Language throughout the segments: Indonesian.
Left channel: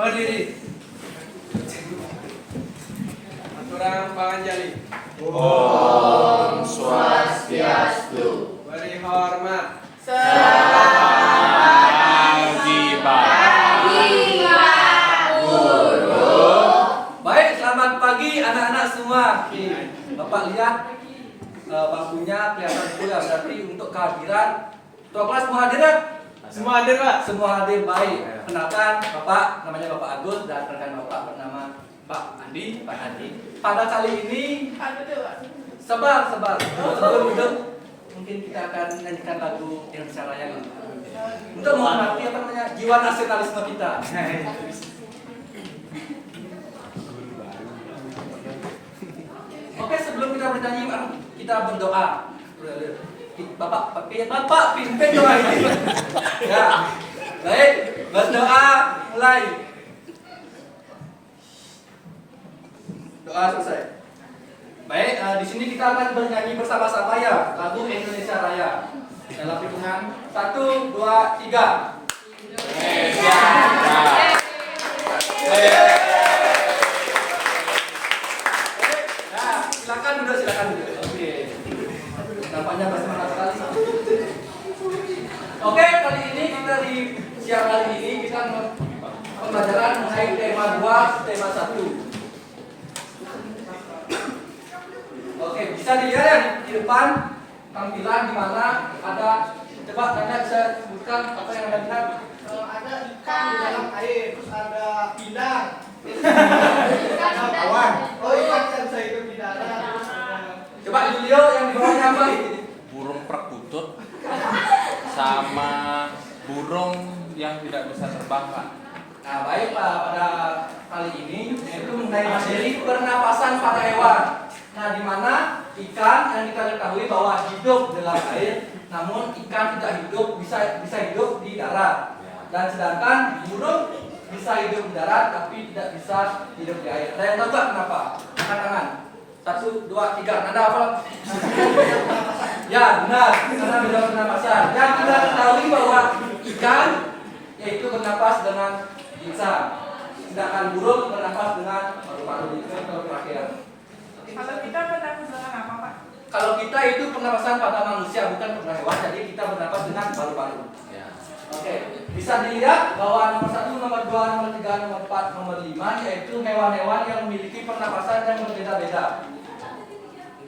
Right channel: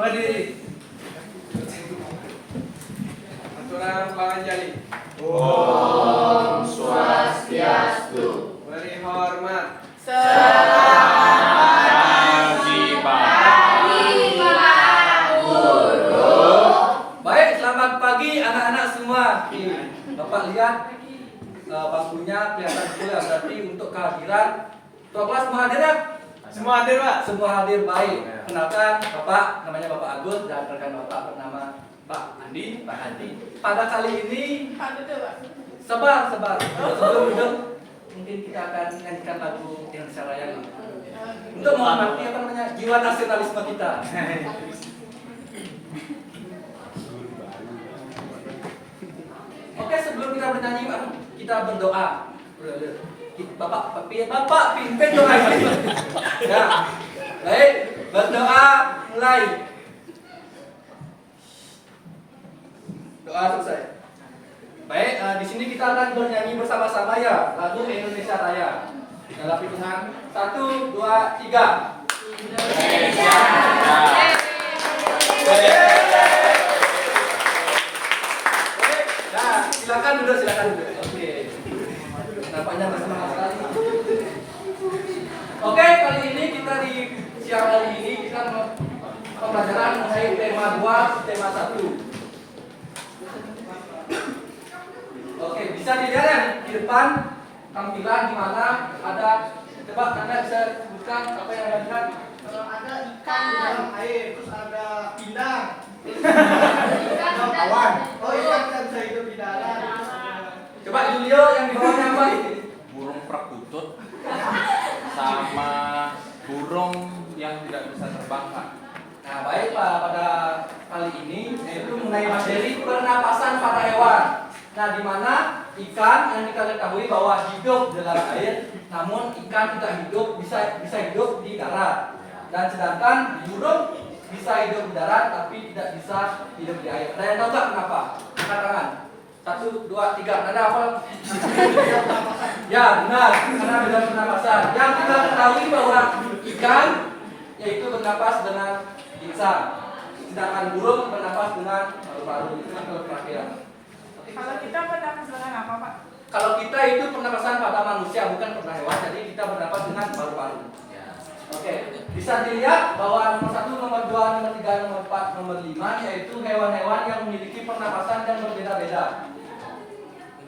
Berdiri. Aturan Bang Anjali. Om Swastiastu. Beri hormat. Baik, selamat pagi anak-anak semua. Bapak lihat bangkunya kelihatan full ya, berarti untuk kehadiran ketua kelas semua hadir ya? Semua hadir, Pak. Semua hadir, baik. Kenalkan Bapak, namanya Bapak Agus dan rekan Bapak bernama Pak Andi. Pada kali ini sabar. Sebelum duduk, mungkin kita akan nyanyikan lagu Indonesia Raya untuk menghormati jiwa nasionalisme kita. Oke, sebelum kita bernyanyi, kita berdoa. Bapak pimpin doa ini. Ya, baik, berdoa mulai. Doa selesai. Baik, di sini kita akan bernyanyi bersama-sama ya lagu Indonesia Raya. Dalam hitungan 1, 2, 3. Indonesia Raya. Nah, silakan duduk. Oke. Nampaknya bersemangat sekali. Oke, kali ini kita di siang hari ini kita pembelajaran mengenai tema 2, tema 1. Oke, bisa dilihat ya di depan tampilan di mana ada, coba Anda bisa sebutkan apa yang Anda lihat? Ada ikan di dalam air, terus ada pinang. Awan. Oh iya, ikan bisa hidup di darat. Coba Julio yang di bawahnya apa? Burung perkutut sama burung yang tidak bisa terbang, Pak. Nah, baik Pak, pada kali ini yaitu mengenai materi pernapasan pada hewan. Nah, di mana ikan yang kita ketahui bahwa hidup dalam air, namun ikan tidak hidup bisa hidup di darat. Dan sedangkan burung bisa hidup di darat tapi tidak bisa hidup di air. Saya tahu nggak kenapa? Angkat tangan. 1, 2, 3. Anda apa? Ya, benar. Karena beda pernapasan. Yang kita ketahui bahwa ikan yaitu bernapas dengan insang, sedangkan burung bernapas dengan paru-paru. Itu kan kalau terakhir. Kalau kita bernapas dengan apa, Pak? Kalau kita itu pernapasan pada manusia, bukan pada hewan. Jadi kita bernapas dengan paru-paru. Oke, bisa dilihat bahwa nomor 1, nomor 2, nomor 3, nomor 4, nomor 5 yaitu hewan-hewan yang memiliki pernapasan yang berbeda-beda.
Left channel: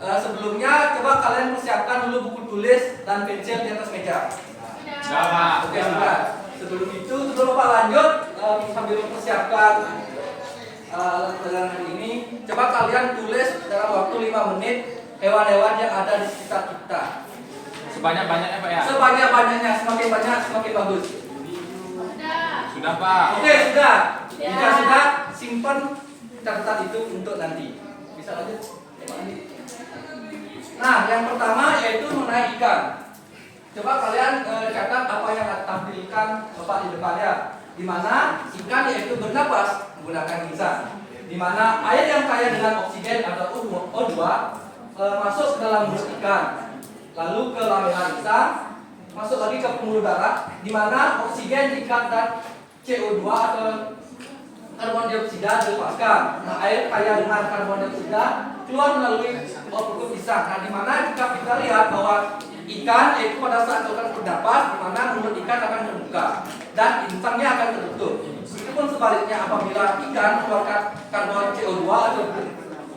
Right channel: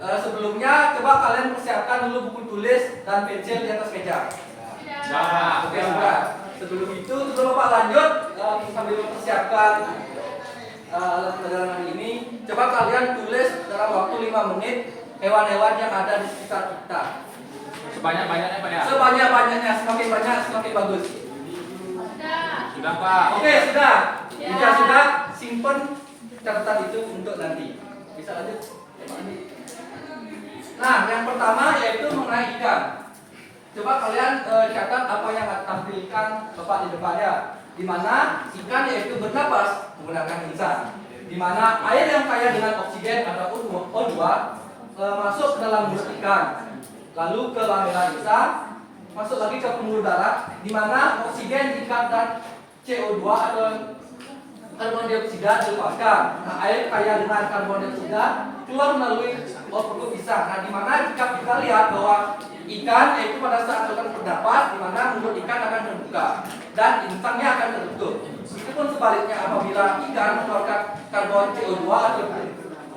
Sebelumnya coba kalian persiapkan dulu buku tulis dan pensil di atas meja. Oke, sudah. Sebelum Bapak lanjut sambil mempersiapkan pelajaran hari ini, coba kalian tulis dalam waktu 5 menit hewan-hewan yang ada di sekitar kita. Sebanyak-banyaknya, Pak ya? Sebanyak-banyaknya, semakin banyak semakin bagus. Sudah, Pak. Oke, sudah. Jika sudah, simpen catatan itu untuk nanti. Bisa lanjut? Nah, yang pertama yaitu mengenai ikan. Coba kalian catat apa yang akan tampilkan Bapak di depannya. Di mana ikan yaitu bernapas menggunakan insang. Di mana air yang kaya dengan oksigen atau O2 masuk ke dalam mulut ikan. Lalu ke lamela insang, masuk lagi ke pembuluh darah, di mana oksigen diikat dan CO2 atau karbon dioksida dilepaskan. Nah, air kaya dengan karbon dioksida keluar melalui perut insang. Nah, di mana jika kita lihat bahwa ikan itu pada saat akan bernapas, di mana mulut ikan akan terbuka dan insangnya akan tertutup. Itu pun sebaliknya apabila ikan mengeluarkan karbon CO2 atau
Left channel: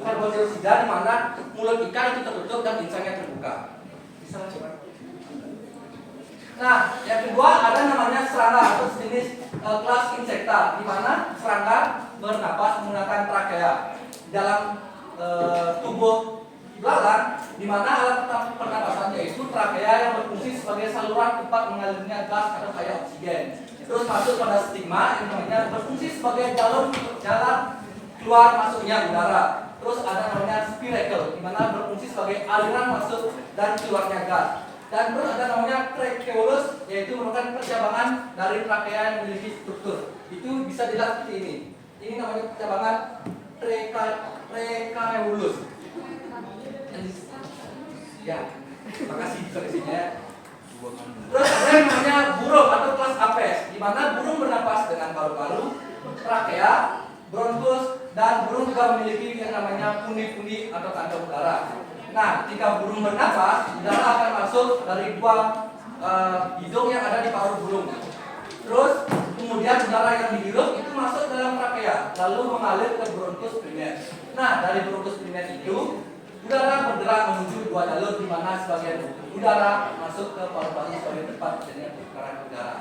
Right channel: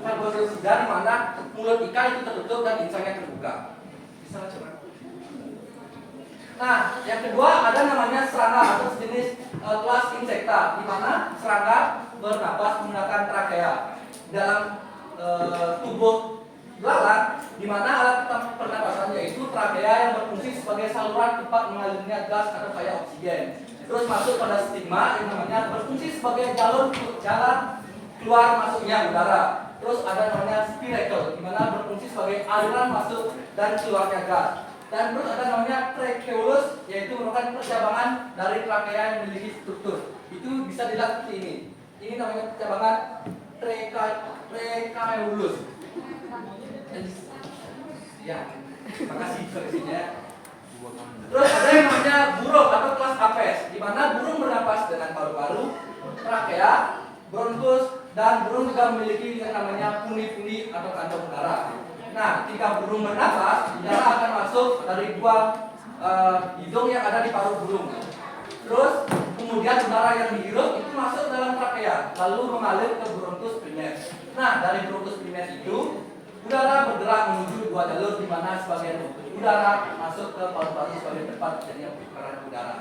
karbon dioksida, di mana mulut ikan itu tertutup dan insangnya terbuka. Bisa coba. Nah, yang kedua ada namanya serangga atau sejenis kelas insekta, di mana serangga bernapas menggunakan trakea dalam tubuh belalang, di mana alat pernapasannya itu trakea yang berfungsi sebagai saluran tempat mengalirnya gas atau kaya oksigen. Terus masuk pada stigma yang namanya berfungsi sebagai jalan keluar masuknya udara. Terus ada namanya spiracle, di mana berfungsi sebagai aliran masuk dan keluarnya gas. Dan terus ada namanya tracheolus, yaitu merupakan percabangan dari trakea yang memiliki struktur. Itu bisa dilihat seperti ini. Ini namanya percabangan tracheolus. Ya, makasih koreksinya. Terus ada yang namanya burung atau kelas apes. di mana burung bernapas dengan paru-paru, trakea, bronkus, dan burung juga memiliki yang namanya pundi-pundi atau kantong udara. Nah, ketika burung bernapas, udara akan masuk dari dua hidung yang ada di paru burung. Terus kemudian udara yang dihirup itu masuk dalam trakea, lalu mengalir ke bronkus primer. Nah, dari bronkus primer itu udara bergerak menuju dua jalur, di mana sebagian udara masuk ke paru-paru sebagai tempat terjadinya perputaran udara.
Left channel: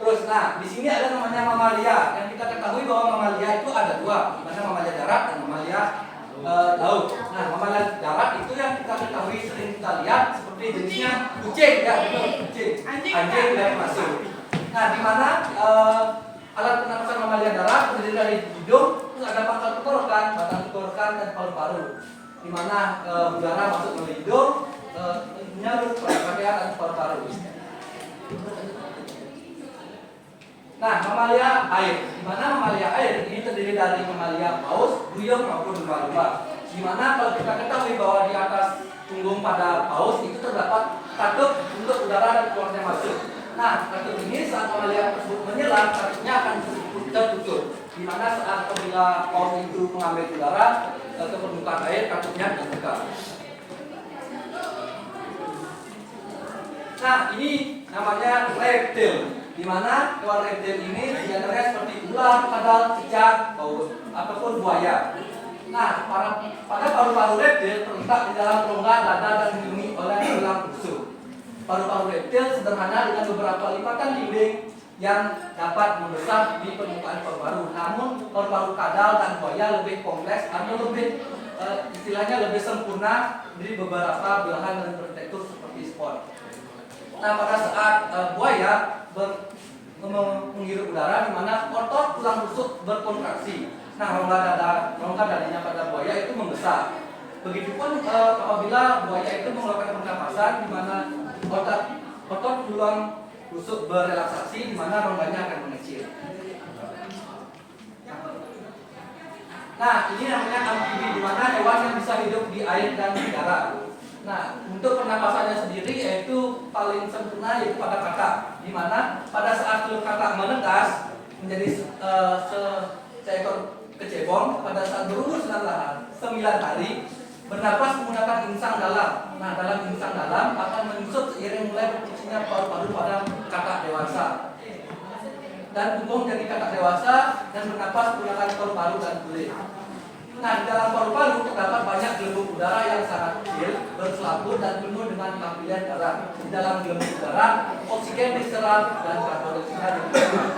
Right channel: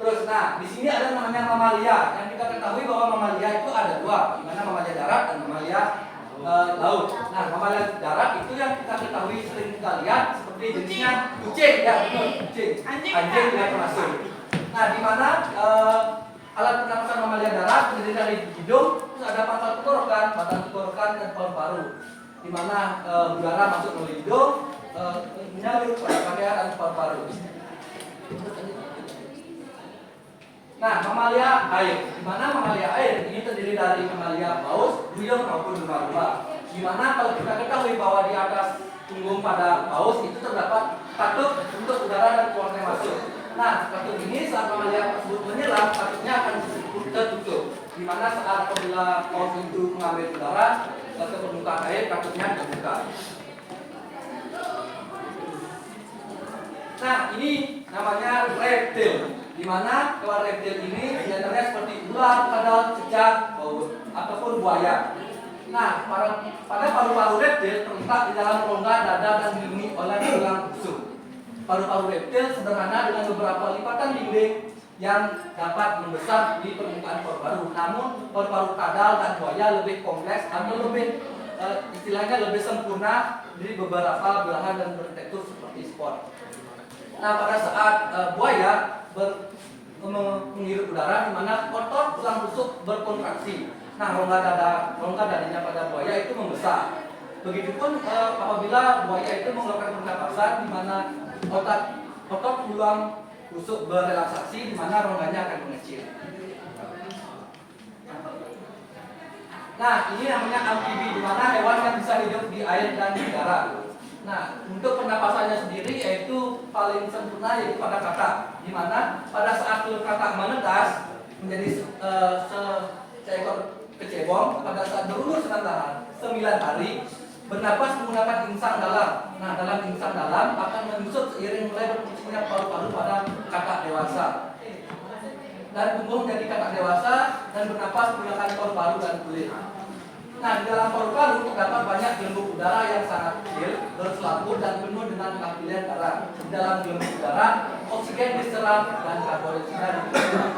Terus, nah di sini ada namanya mamalia. Yang kita ketahui bahwa mamalia itu ada dua, di mana mamalia darat dan mamalia laut. Nah, mamalia darat itu yang kita ketahui sering kita lihat seperti jenisnya kucing, ya betul, kucing, anjing juga termasuk. Nah, di mana alat pernapasan mamalia darat terdiri dari hidung, terus ada pangkal tenggorokan, batang tenggorokan, dan paru-paru. Di mana udara masuk melalui hidung, menyalur ke trakea dan paru-paru. Nah, mamalia air. Di mana mamalia air ini terdiri dari mamalia paus, duyung maupun lumba-lumba. Di mana kalau kita ketahui bahwa di atas punggung pada paus itu terdapat katup untuk udara dan keluarnya masuk. Nah, katup ini saat mamalia tersebut menyelam, katupnya akan tertutup. Di mana saat apabila paus itu mengambil udara ke permukaan air, katupnya terbuka. Nah, ini namanya reptil. Di mana hewan reptil ini diantaranya seperti ular, kadal, cicak, baus, ataupun buaya. Nah, pada paru-paru reptil terletak di dalam rongga dada dan dilindungi oleh tulang rusuk. Paru-paru reptil sederhana dengan beberapa lipatan dinding yang dapat membesar di permukaan paru-paru. Namun paru-paru kadal dan buaya lebih kompleks atau lebih istilahnya lebih sempurna dari beberapa belahan dan bertekstur seperti spot. Nah, pada saat buaya menghirup udara, di mana otot tulang rusuk berkontraksi. Nah, rongga dadanya pada buaya itu membesar. Begitupun apabila buaya itu mengeluarkan pernapasan, di mana otot tulang rusuk berrelaksasi, di mana rongganya akan mengecil. Nah, ini namanya amfibi, di mana hewan yang bisa hidup di air dan di darat. Nah, untuk pernapasannya sendiri yaitu paling sempurna yaitu pada kakak, di mana pada saat telur kakak menetas menjadi seekor kecebong, pada saat berumur 9 hari bernapas menggunakan insang dalam. Nah, dalam insang dalam akan menyusut seiring mulai berfungsinya paru-paru pada kakak dewasa, dan tumbuh menjadi kakak dewasa dan bernapas menggunakan paru-paru dan kulit. Nah, di dalam paru-paru terdapat banyak gelembung udara yang sangat kecil, berselaput dan penuh dengan lapisan darah. Di dalam gelembung udara, oksigen diserap dan karbon dioksida dikeluarkan.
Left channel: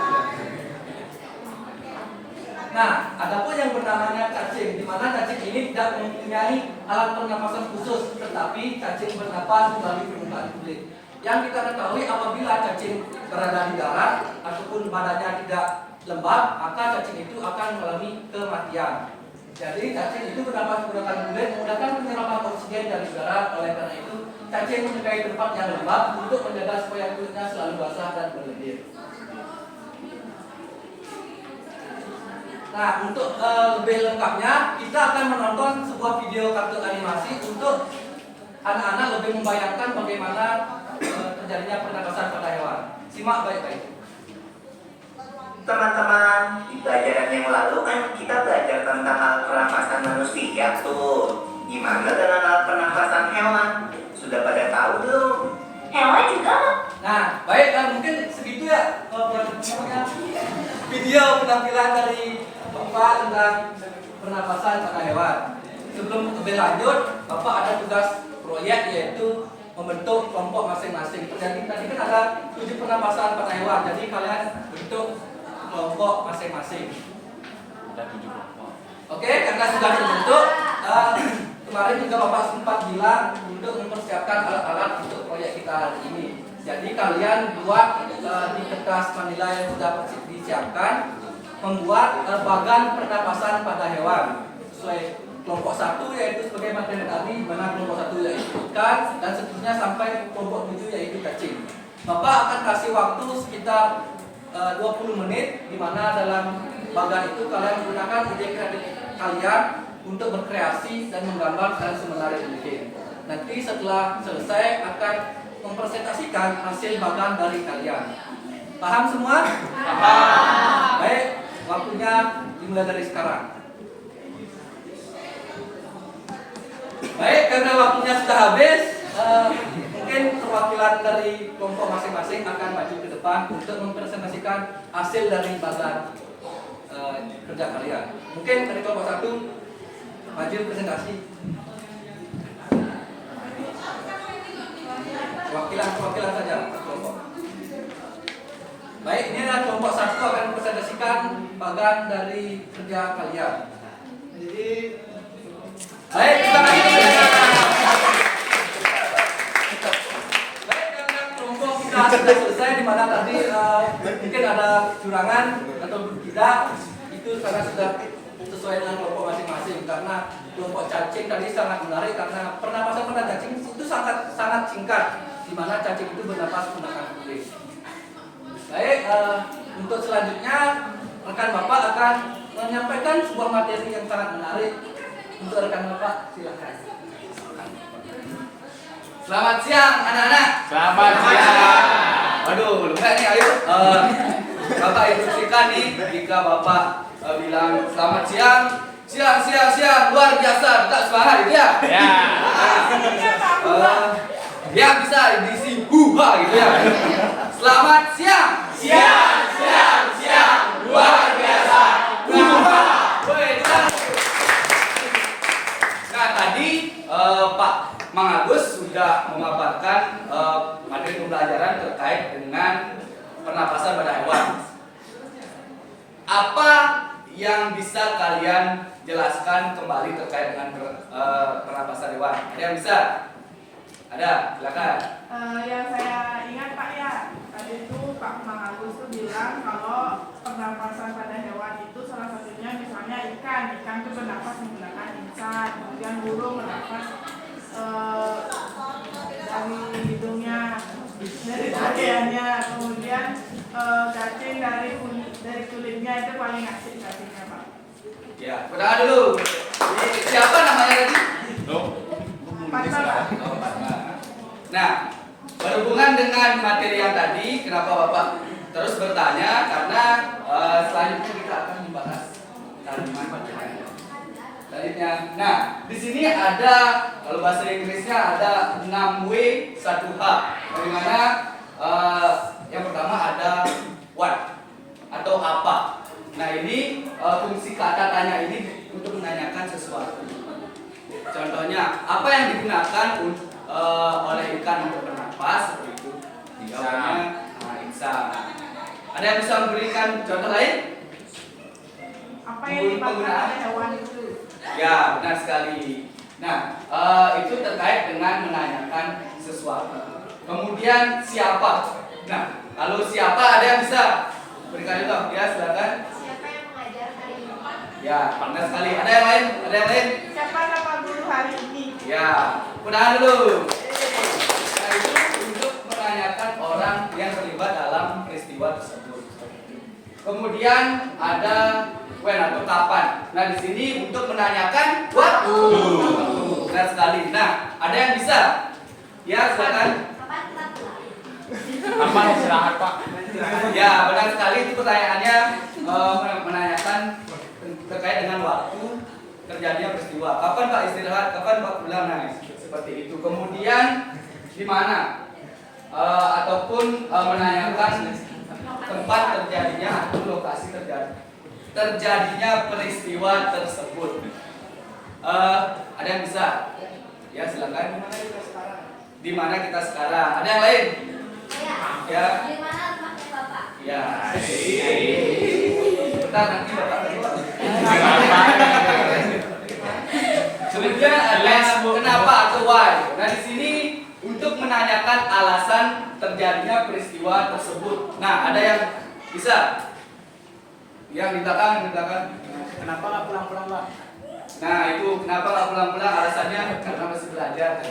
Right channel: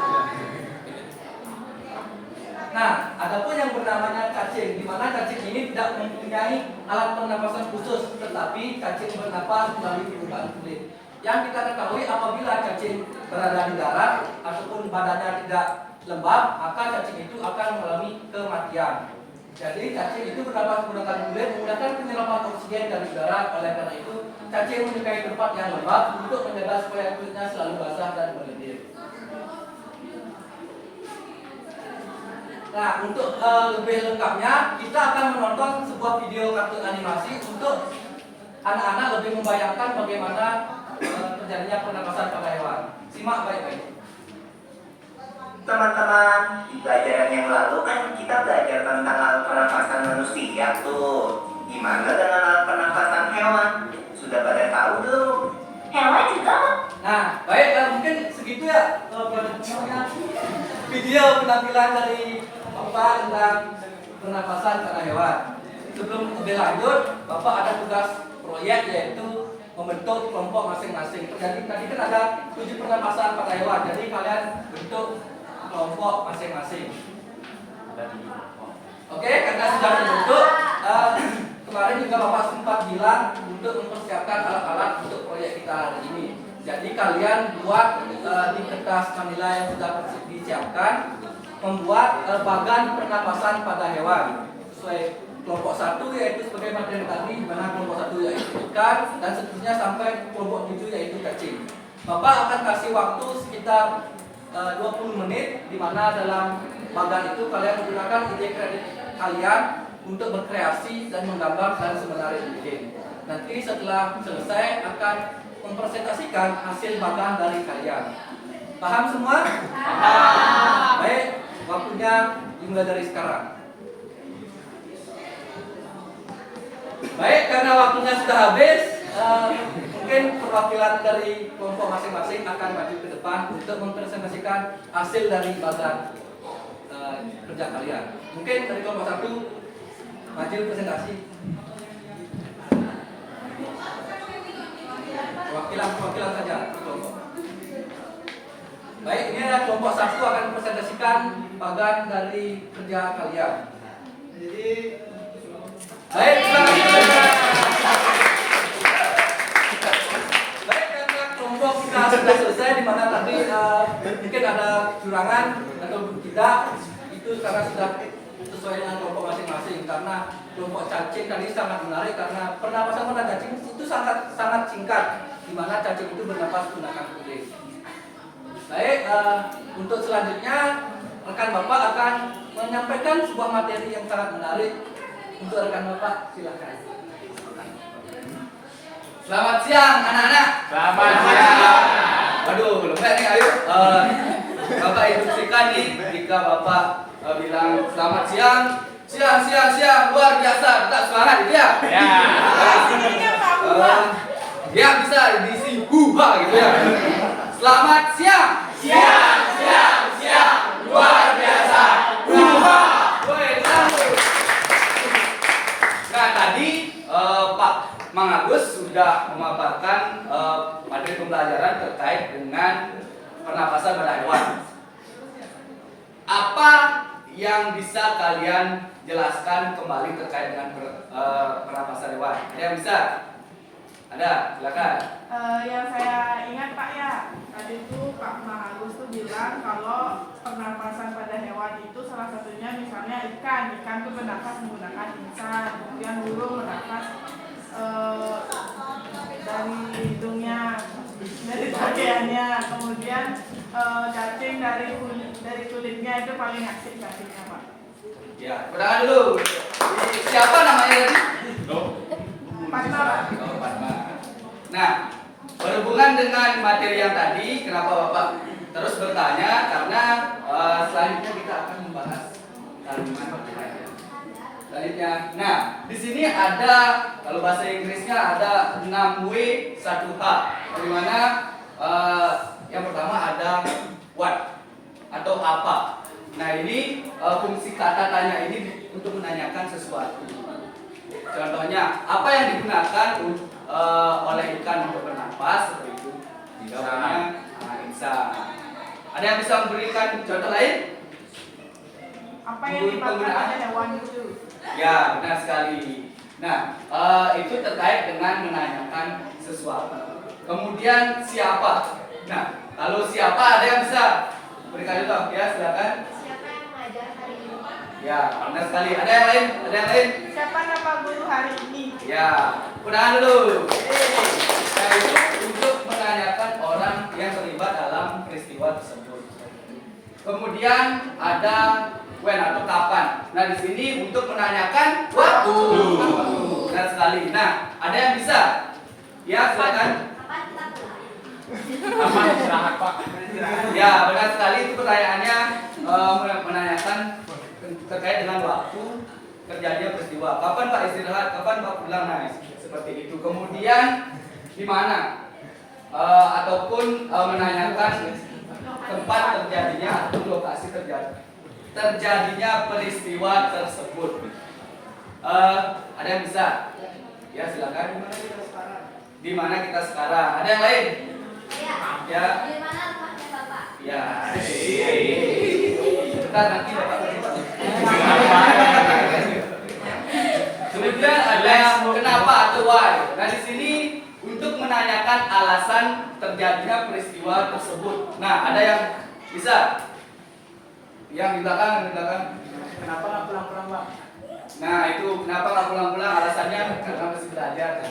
Nah, adapun yang bernamanya cacing, di mana cacing ini tidak mempunyai alat pernapasan khusus, tetapi cacing bernapas melalui permukaan kulit. Yang kita ketahui apabila cacing berada di darat ataupun badannya tidak lembab, maka cacing itu akan mengalami kematian. Jadi cacing itu bernapas menggunakan kulit, menggunakan penyerapan oksigen dari udara. Oleh karena itu, cacing menyukai tempat yang lembab untuk menjaga supaya kulitnya selalu basah dan berlendir. Nah, untuk lebih lengkapnya, kita akan menonton sebuah video kartun animasi untuk anak-anak lebih membayangkan bagaimana terjadinya pernapasan pada hewan. Simak baik-baik. Teman-teman, di pelajaran yang lalu kan kita belajar tentang alat pernafasan manusia tuh. Gimana dengan alat pernafasan hewan? Sudah pada tahu belum? Hewan juga. Nah, baik, mungkin segitu ya video penampilan dari Bapak tentang pernapasan pada hewan. Sebelum lebih lanjut, Bapak ada tugas proyek yaitu membentuk kelompok masing-masing. Jadi tadi kan ada 7 pernapasan pada hewan. Jadi kalian bentuk kelompok masing-masing. Oke, karena sudah dibentuk, kemarin juga Bapak sempat bilang untuk mempersiapkan alat-alat untuk proyek kita hari ini. Jadi kalian buat di kertas manila yang sudah disiapkan, membuat bagan pernapasan pada hewan sesuai kelompok 1 yaitu sebagai materi tadi, di mana kelompok 1 yaitu ikan dan seterusnya sampai kelompok 7 yaitu cacing. Bapak akan kasih waktu sekitar 20 menit, di mana dalam bagan itu kalian menggunakan ide kreatif kalian untuk berkreasi dan menggambar dan semenarik mungkin. Nanti setelah selesai akan mempresentasikan hasil magang dari kalian. Paham semua? Paham. Baik, waktunya dimulai dari sekarang. Baik, karena waktunya sudah habis, mungkin perwakilan dari kelompok masing-masing akan maju ke depan untuk mempresentasikan hasil dari magang kerja kalian. Mungkin dari kelompok 1 maju presentasi. Perwakilan saja kelompok. Baik, ini adalah kelompok 1 akan mempresentasikan magang dari kerja kalian. Jadi Baik, terima kasih teman-teman. Baik, karena kelompok kita sudah selesai, di mana tadi mungkin ada kecurangan atau tidak, itu karena sudah sesuai dengan kelompok masing-masing. Karena kelompok cacing tadi sangat menarik karena pernapasan pada cacing itu sangat singkat, di mana cacing itu bernapas menggunakan kulit. Baik, untuk selanjutnya rekan Bapak akan menyampaikan sebuah materi yang sangat menarik. Untuk rekan Bapak, silakan. Selamat siang anak-anak. Selamat siang. Waduh, lembek nih, ayo. Bapak instruksikan nih, jika Bapak bilang selamat siang, siang, luar biasa, tetap semangat gitu ya. Ya. Ya bisa diisi huha gitu ya. Selamat siang. Siang, luar biasa. Huha. Woi, nah tadi Pak Mang Agus sudah memaparkan materi pembelajaran terkait dengan pernapasan pada hewan. Apa yang bisa kalian jelaskan kembali terkait dengan pernapasan hewan? Ada yang bisa? Ada, silakan. Yang saya ingat Kak ya, tadi itu Kak Mang Agus tuh bilang kalau pernapasan pada hewan itu salah satunya misalnya ikan tuh bernapas menggunakan insan, kemudian burung bernapas dari hidungnya, dari bagiannya, kemudian cacing dari kulitnya itu paling asik cacingnya Pak. Ya, pertama dulu. Siapa namanya tadi? Partner. Oh, partner. Nah, berhubungan dengan materi yang tadi, kenapa Bapak terus bertanya? Karena selanjutnya kita akan membahas kalimat pertanyaan. Selanjutnya, nah di sini ada, kalau bahasa Inggrisnya ada 6W1H. Di mana yang pertama ada what atau apa. Nah ini fungsi kata tanya ini untuk menanyakan sesuatu. Contohnya, apa yang digunakan oleh ikan untuk bernapas seperti itu? Jawabannya insan. Ada yang bisa memberikan contoh lain? Apa yang dipakai oleh hewan itu? Ya, benar sekali. Nah, itu terkait dengan menanyakan sesuatu. Kemudian siapa? Nah, kalau siapa ada yang bisa berikan contoh? Ya, silakan. Siapa yang mengajar hari ini? Ya, benar sekali. Ada yang lain? Ada yang lain? Siapa nama guru hari ini? Ya, udahan dulu. Nah, itu untuk menanyakan orang yang terlibat dalam peristiwa tersebut. Kemudian ada when atau kapan. Nah, di sini untuk menanyakan waktu. Benar sekali. Nah, ada yang bisa? Ya, silakan. Kapan kita pulang? Kapan istirahat Pak? Ya, benar sekali itu pertanyaannya menanyakan terkait dengan waktu terjadinya peristiwa. Kapan Pak istirahat? Kapan Pak pulang? Nah, seperti itu. Kemudian di mana? Ataupun menanyakan tempat terjadinya atau lokasi terjadinya peristiwa tersebut. Ada yang bisa? Ya, silakan. Di mana kita sekarang? Ada yang lain? Saya. Ya. Di mana rumahnya Bapak? Ya. Ntar nanti Bapak kasih tahu. Kemudian ada kenapa atau why. Nah, di sini untuk menanyakan alasan terjadinya peristiwa tersebut. Nah, ada yang bisa? Yang di belakang, kenapa nggak pulang-pulang Pak? Nah, itu kenapa nggak pulang-pulang? Alasannya karena masih belajar.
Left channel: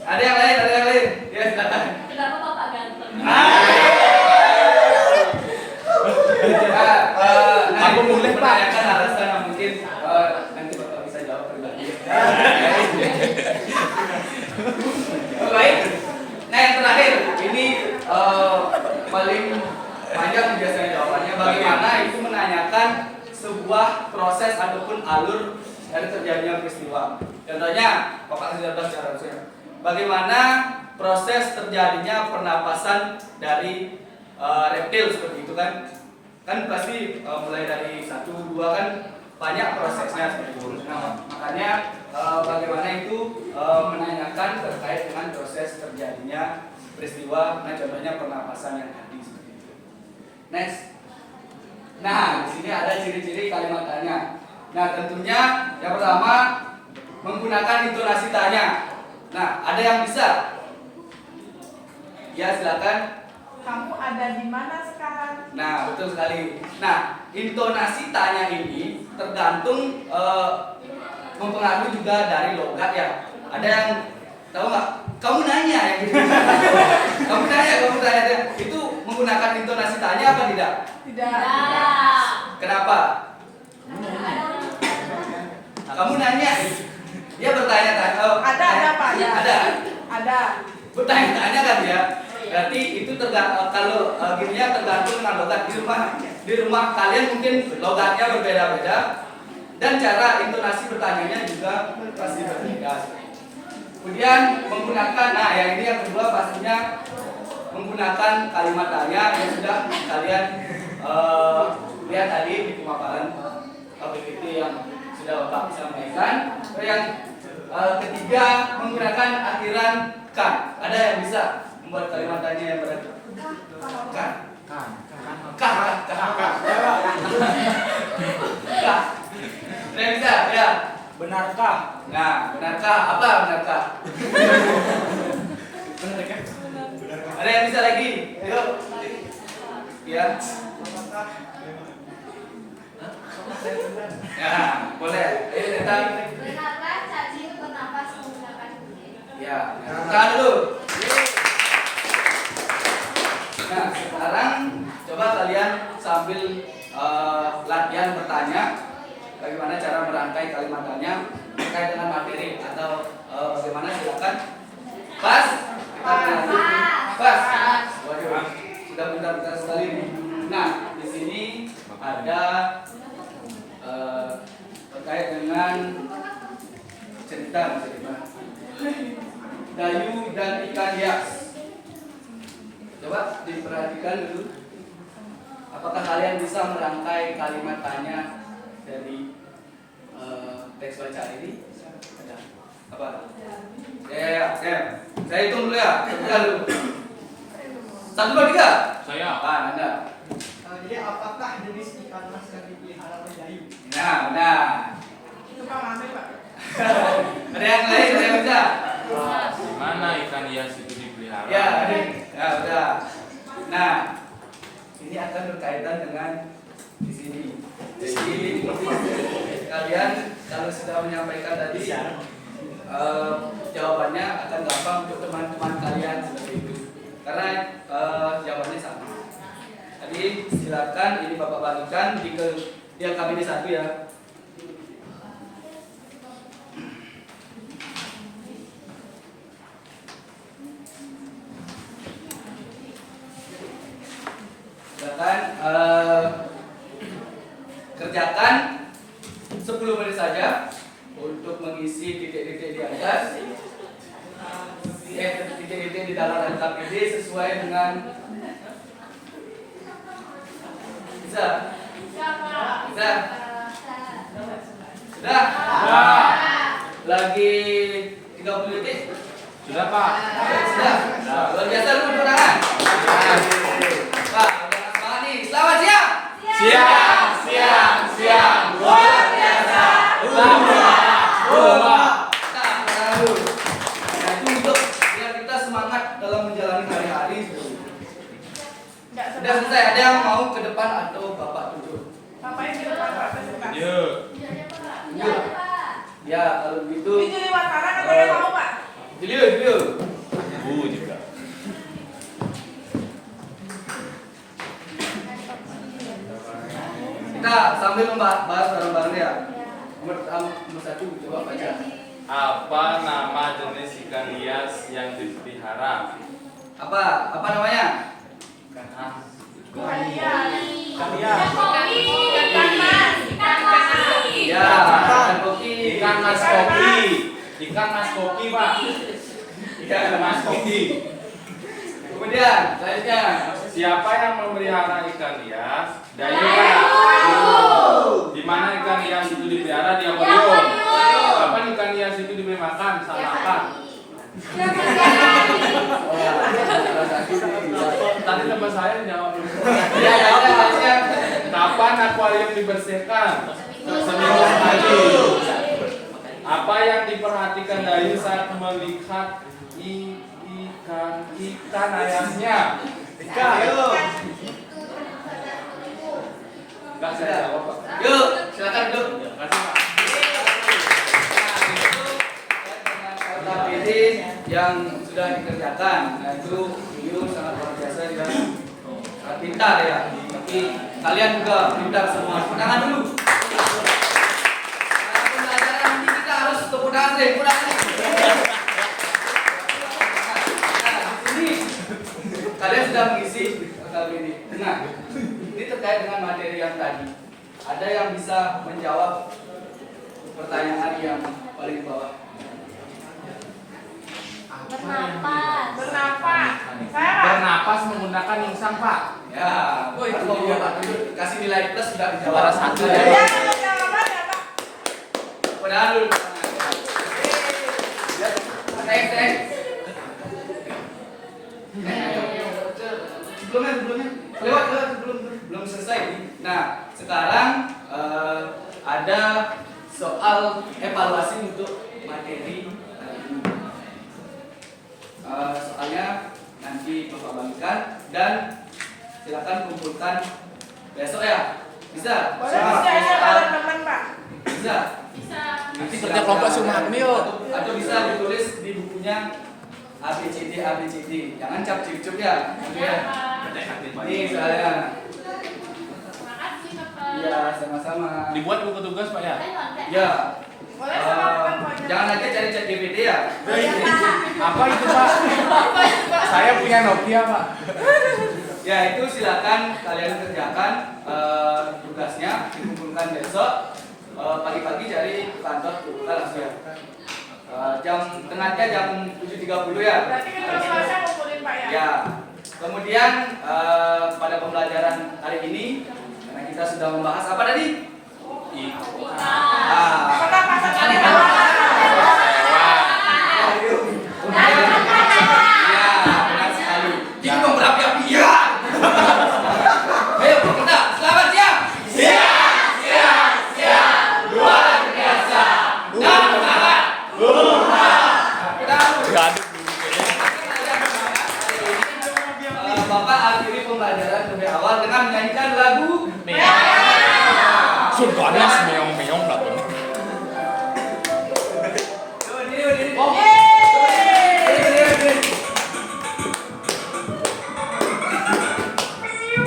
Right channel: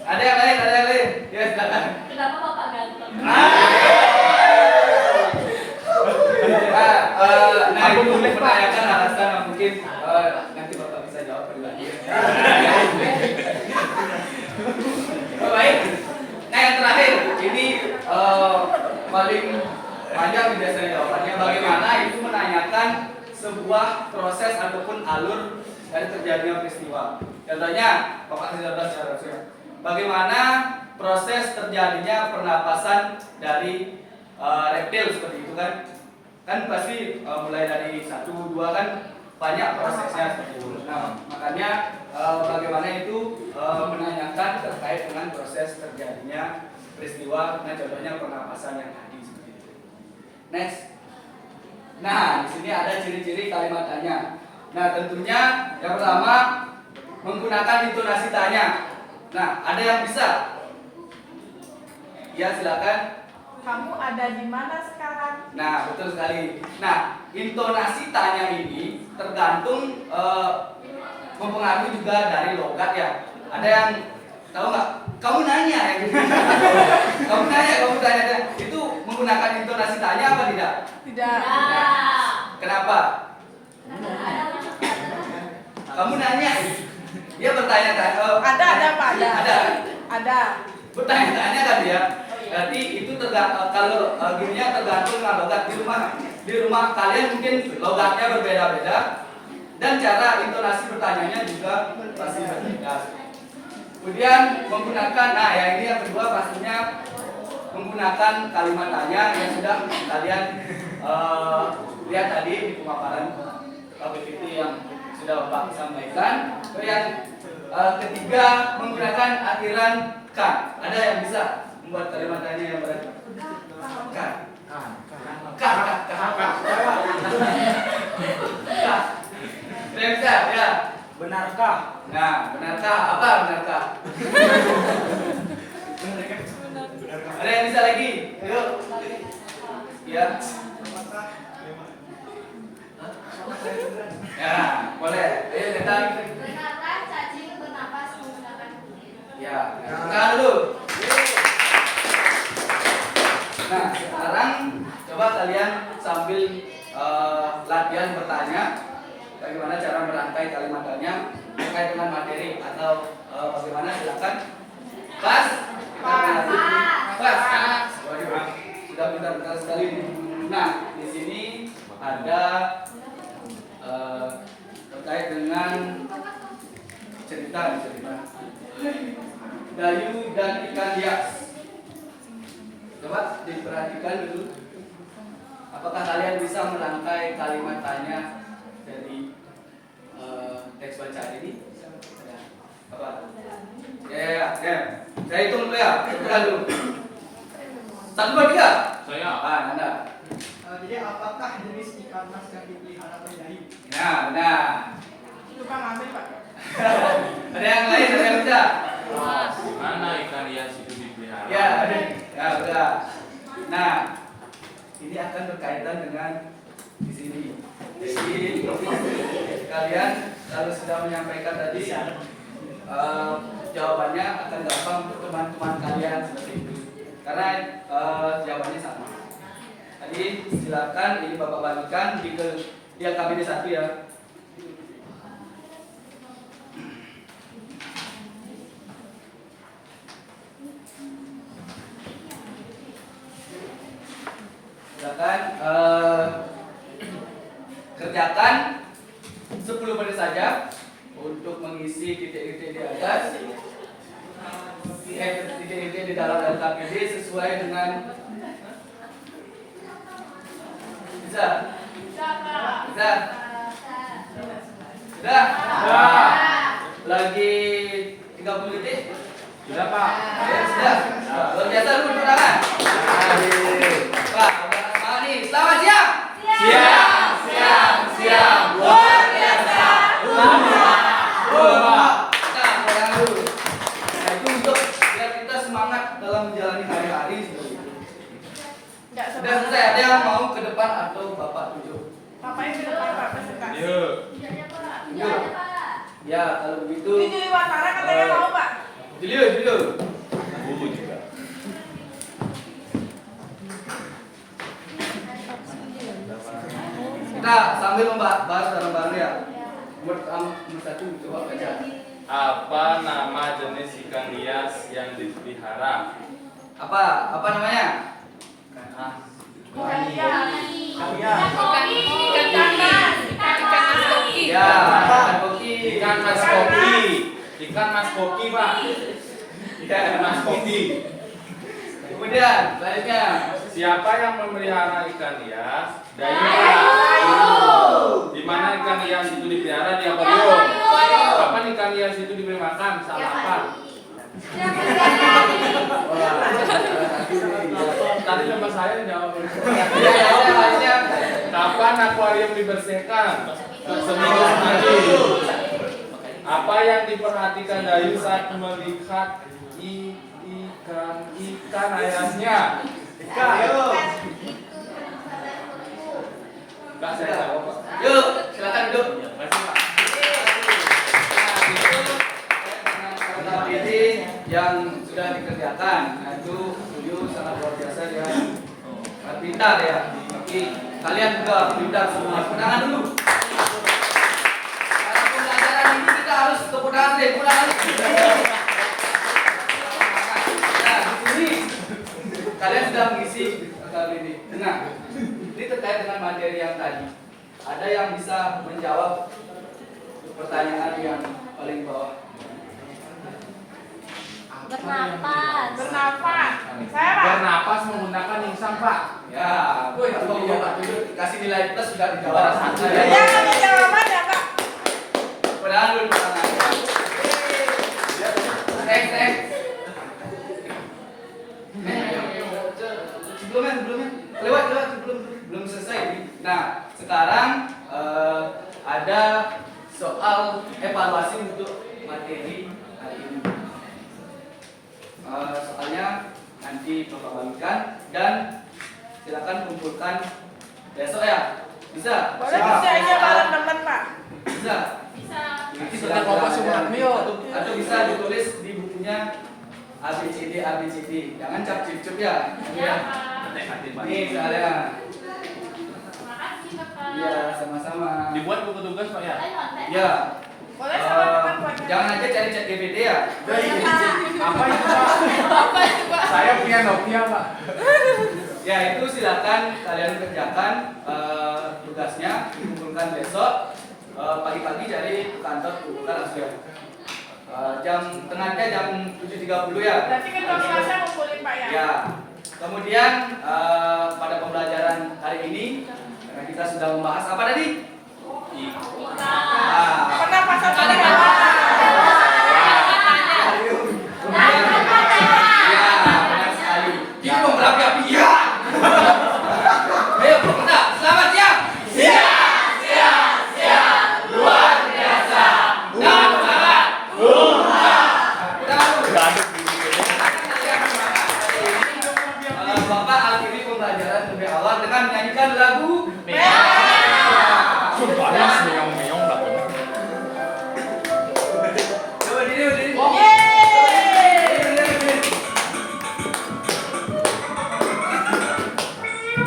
Ada yang lain? Ya, silakan. Kenapa Bapak ganteng? Nah, ini mungkin menanyakan alasan yang mungkin nanti Bapak bisa jawab pribadi. Baik. paling panjang biasanya jawabannya. Bagaimana itu menanyakan sebuah proses ataupun alur dari terjadinya peristiwa. Contohnya, Bapak sudah bahas secara bagaimana proses terjadinya pernapasan dari reptil seperti itu kan? Kan pasti mulai dari 1, 2 kan banyak prosesnya seperti itu. Nah, makanya bagaimana itu menanyakan terkait dengan proses terjadinya peristiwa. Nah, contohnya pernapasan yang tadi seperti itu. Next. Nah, di sini ada ciri-ciri kalimat tanya. Nah, tentunya yang pertama menggunakan intonasi tanya. Nah, ada yang bisa? Ya, silakan. Kamu ada di mana sekarang? Nah, betul sekali. Nah, intonasi tanya ini tergantung mempengaruhi juga dari logat ya. Ada yang tahu nggak? Kamu nanya ya. Kamu tanya. Itu menggunakan intonasi tanya apa tidak? Tidak. Kenapa? Kamu nanya. Dia bertanya-tanya. Ada Pak ya. Ada. Ada. Bertanya-tanya kan ya. Berarti itu tergantung kalau gininya tergantung dengan logat di rumah kalian mungkin logatnya berbeda-beda dan cara intonasi bertanyanya juga pasti berbeda. Kemudian menggunakan, nah yang ini yang kedua pastinya menggunakan kalimat tanya yang sudah kalian lihat tadi di pemaparan PPT yang sudah Bapak sampaikan. Yang ketiga menggunakan akhiran kan. Ada yang bisa membuat kalimat tanya yang berarti kan. Sudah bisa ya. Benarkah? Nah, benarkah? Apa benarkah? Ada yang bisa lagi? Ayo. Ya. Ya, boleh. Ayo kita. Benarkah cacing bernapas menggunakan kulit? Ya, kita dulu. Nah, sekarang coba kalian sambil latihan bertanya bagaimana cara merangkai kalimat tanya terkait dengan materi atau bagaimana, silakan. Pas. Pas. Waduh, sudah pintar-pintar sekali. Nah, di sini ada terkait dengan cerita Dayu dan ikan hias. Coba diperhatikan dulu. Apakah kalian bisa merangkai kalimat tanya dari teks bacaan ini? Ada apa? Ya. Saya hitung dulu ya. Coba dulu. 1, 2, 3. Saya. Anda. Jadi apakah jenis ikan mas yang dipelihara oleh Dayu? Nah, benar. Itu Pak Mami Pak. Ada yang lain yang bisa? Di mana ikan hias itu dipelihara? Ya, ada. Ya, sudah. Nah, ini akan berkaitan dengan di sini. Jadi kalian kalau sudah menyampaikan tadi jawabannya akan gampang untuk teman-teman kalian seperti itu. Karena jawabannya sama. Tadi silakan ini Bapak bagikan di yang kami 1 ya. Silakan kerjakan 10 menit saja untuk mengisi titik-titik di atas, titik-titik di dalam LKPD sesuai dengan bisa. Sudah. Lagi 30 detik. Tidak, Pak. Sudah. Luar biasa lu tepuk tangan. Wah, udah semangat nih. Selamat siang. Siang. Luar biasa. Nah, sekarang dulu. Nah, itu untuk biar kita semangat dalam menjalani hari-hari seperti itu. Enggak Sudah selesai. Ada yang mau ke depan atau Bapak duduk? Bapak yang di depan Pak suka. Yuk. Ya, kalau begitu. Ini juri makanan ada yang mau Pak? Julio. Juga. Kita sambil membahas bareng-bareng ya. Nomor 1 coba baca. Apa nama jenis ikan hias yang dipelihara? Apa namanya? Ikan mas koki pak. Ikan mas koki. Kemudian selanjutnya. Siapa yang memelihara ikan hias? Dayu pak. Di mana ikan hias itu dipelihara? Di akuarium. Kapan ikan hias itu diberi makan? Saat makan. Tadi teman saya jawab. Ya, ya. Kapan akuarium dibersihkan? Seminggu sekali. Apa yang diperhatikan Dayu saat melihat ikan ayamnya? Enggak saya jawab pak. Yuk, silakan duduk. Kasih pak. Ini yang sudah dikerjakan, yaitu Yuyu sangat luar biasa dia pintar ya. Tapi kalian juga pintar semua. Tangan dulu. Karena pembelajaran ini kita harus tepuk tangan deh, tepuk tangan. Nah, di sini kalian sudah mengisi kali ini. Nah, ini terkait dengan materi yang tadi. Ada yang bisa menjawab pertanyaan yang paling bawah? Bernapas. Saya Pak. Bernapas menggunakan insang pak. Ya, Woi, kalau iya, Pak kasih nilai plus sudah dijawab satu Ya, ya. kamu jawaban ya Pak. Padahal dulu pertanyaan. Next. Sebelumnya, lewat belum selesai. Nah, sekarang ada soal evaluasi untuk materi hari ini. Soalnya nanti Bapak bagikan dan silakan kumpulkan besok ya. Bisa? Boleh bisa kalau teman Pak. Bisa. Nanti Sejak Bapak semua ini, atau bisa ditulis di bukunya ABCD. Jangan cap-cup ya. Ini saya. Makasih Bapak. Iya, sama-sama. Dibuat buku tugas pak ya. Ya. Boleh sama teman Pak. Jangan aja cari chat GPT ya. Apa itu pak? Saya punya Nokia pak. Ya itu silakan kalian kerjakan tugasnya dikumpulkan besok pagi-pagi dari kantor kumpulkan langsung ya. Tengahnya jam 7.30 ya. Berarti ketua kelasnya ngumpulin Pak ya. Ya. Kemudian pada pembelajaran hari ini karena kita sudah membahas apa tadi? Pernapasan pada hewan. Ya, benar sekali. Ini mau berapi-api ya. Ayo, kita selamat siang. Luar biasa. Dan semangat. Bapak akhiri pembelajaran lebih awal dengan menyanyikan lagu. Sumpahnya meong-meong pak. Coba diri.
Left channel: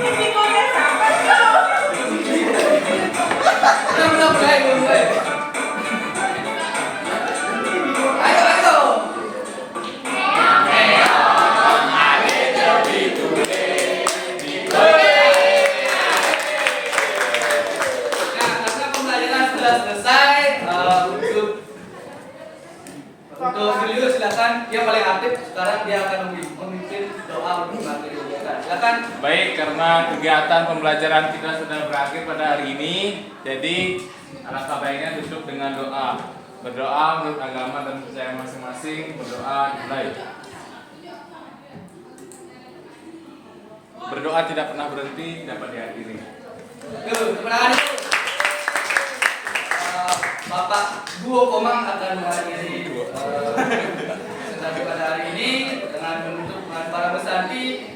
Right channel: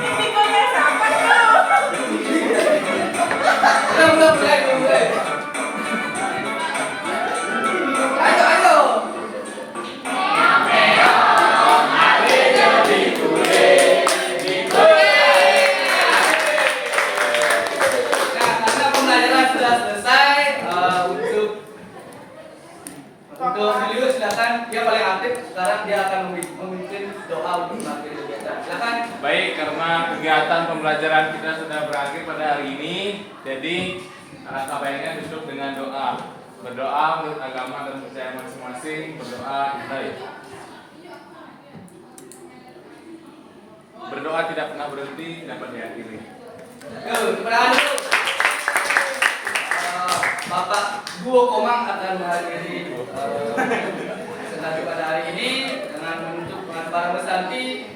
Ini komen siapa tuh? Belum mulai. Ayo. Nah, karena pembelajaran sudah selesai, untuk beliau silakan, dia paling aktif. Sekarang dia akan memimpin doa untuk materi kita. Silakan. Baik, karena kegiatan pembelajaran kita sudah berakhir pada hari ini, jadi alangkah baiknya tutup dengan doa. Berdoa menurut agama dan percaya masing-masing. Berdoa baik. Berdoa tidak pernah berhenti, dapat diakhiri. Yuk, tepuk tangan dulu. Bapak Duo Komang akan menghadiri sesi pada hari ini dengan menutup para pesanti